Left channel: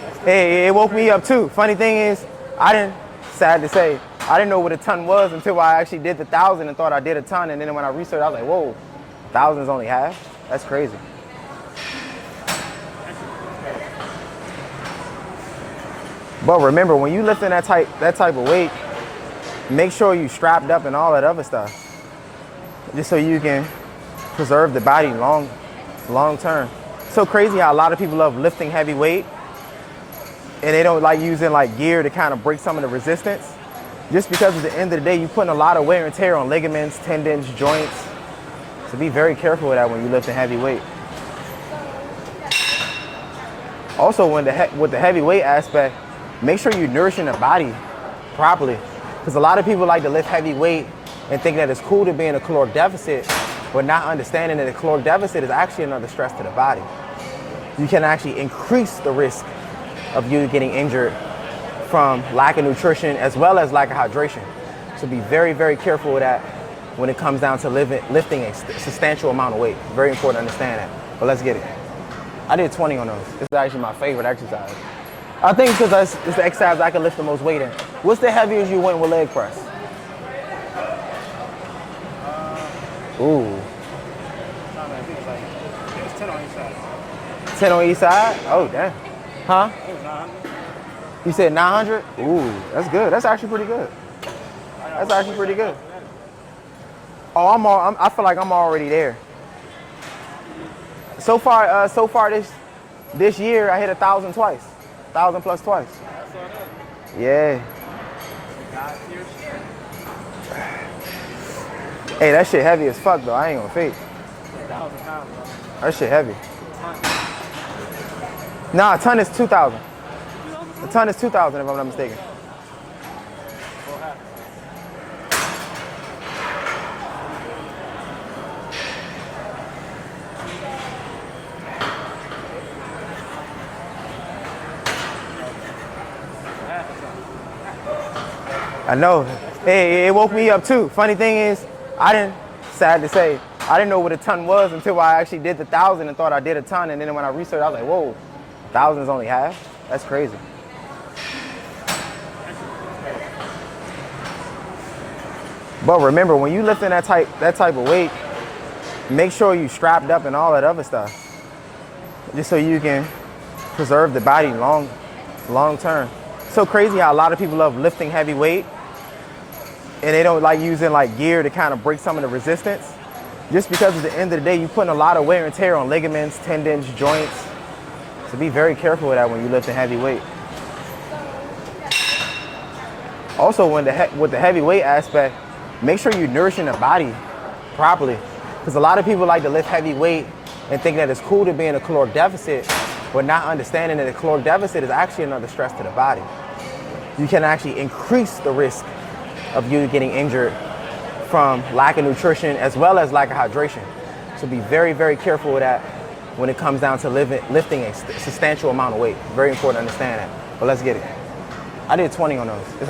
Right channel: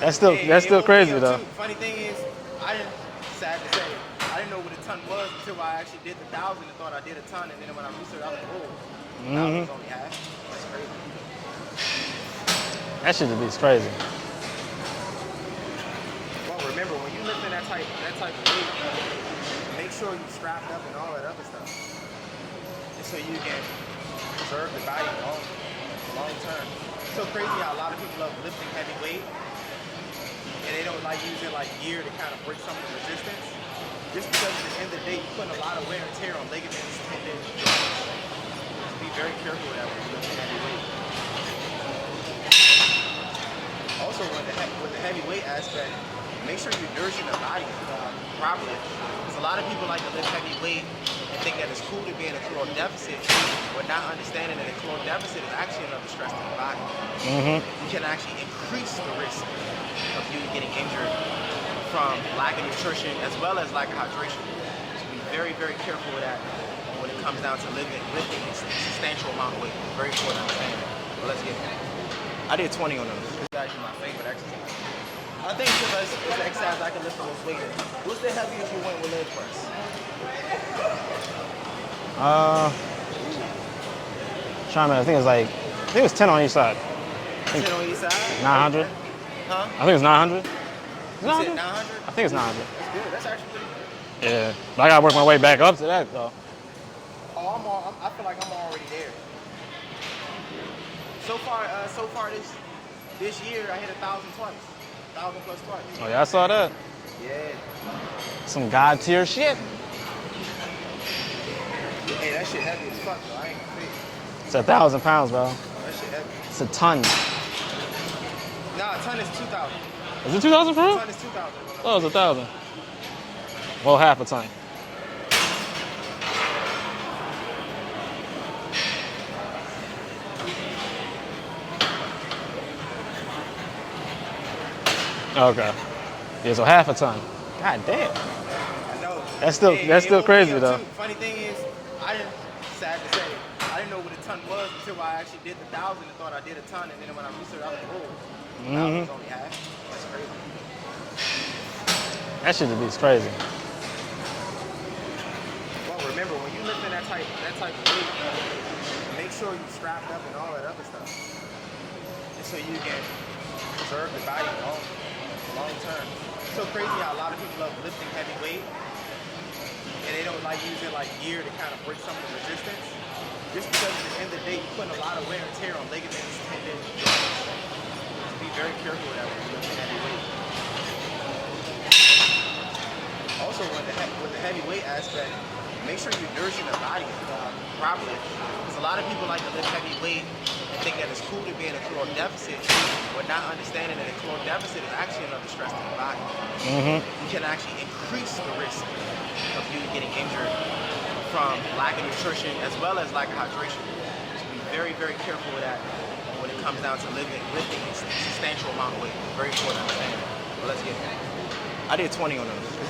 That's still, that's it still woke crazy, me up though. too. Funny thing is, sad to say, I didn't know what a ton was until I actually did the 1,000 and thought I did a ton. And then when I researched, I was like, whoa, 1,000's only half? That's crazy. That shit is crazy. But remember, when you lifting that type of weight, make sure you strapped up and all that other stuff. Just so you can preserve the body long term. It's so crazy how a lot of people love lifting heavy weight and they don't like using like gear to kind of break some of the resistance. Just because at the end of the day, you're putting a lot of wear and tear on ligaments, tendons, joints. So be very careful with that when you're lifting heavy weight. Also, with the heavy weight aspect, make sure you're nourishing the body properly. Because a lot of people like to lift heavy weight and think that it's cool to be in a caloric deficit, but not understanding that a caloric deficit is actually another stress to the body. You can actually increase the risk of you getting injured from lack of nutrition as well as lack of hydration. So be very, very careful with that when it comes down to lifting a substantial amount of weight. Very important to understand that. But let's get it. I did 20 on those. This is actually my favorite exercise. I think because it's the exercise I can lift the most weight in. What's the heaviest you went with leg press? I think it was 10 on each side. 10 on each side? 900. Okay. Huh? I think it's 900. You said 900? I think it's 900. That's good. That's actually pretty good. Yeah. But I gotta work my way back up to that, though. Oh, I feel like I'm already there. So far this year, I hit 1,000 twice. 1,000 plus twice. Oh, yeah, I saw that. Yeah. Some God tier shit. Hey, that shit heavy as fuck though. I ain't gonna fake. It's 1,000 pounds, bro. That shit heavy. It's a ton. Nah, a ton is 2,000. Is it 2,000 pounds? A ton is 2,000 if I'm not Oh, it's mistaken. 1,000. Well, half a ton. Okay. Yeah, so half a ton. God damn. I know. That's still, hey, that's it still woke crazy, me up though. too. Funny thing is, sad to say, I didn't know what a ton was until I actually did the 1,000 and thought I did a ton. And then when I researched, I was like, whoa, 1,000's only half? That's crazy. That shit is crazy. But remember, when you lifting that type of weight, make sure you strapped up and all that other stuff. Just so you can preserve the body long term. It's so crazy how a lot of people love lifting heavy weight and they don't like using like gear to kind of break some of the resistance. Just because at the end of the day, you're putting a lot of wear and tear on ligaments, tendons, joints. So be very careful with that when you're lifting heavy weight. Also, with the heavy weight aspect, make sure you're nourishing the body properly. Because a lot of people like to lift heavy weight and think that it's cool to be in a caloric deficit, but not understanding that a caloric deficit is actually another stress to the body. You can actually increase the risk of you getting injured from lack of nutrition as well as lack of hydration. So be very, very careful with that when it comes down to lifting a substantial amount of weight. Very important to understand that. But let's get it. I did 20 on those.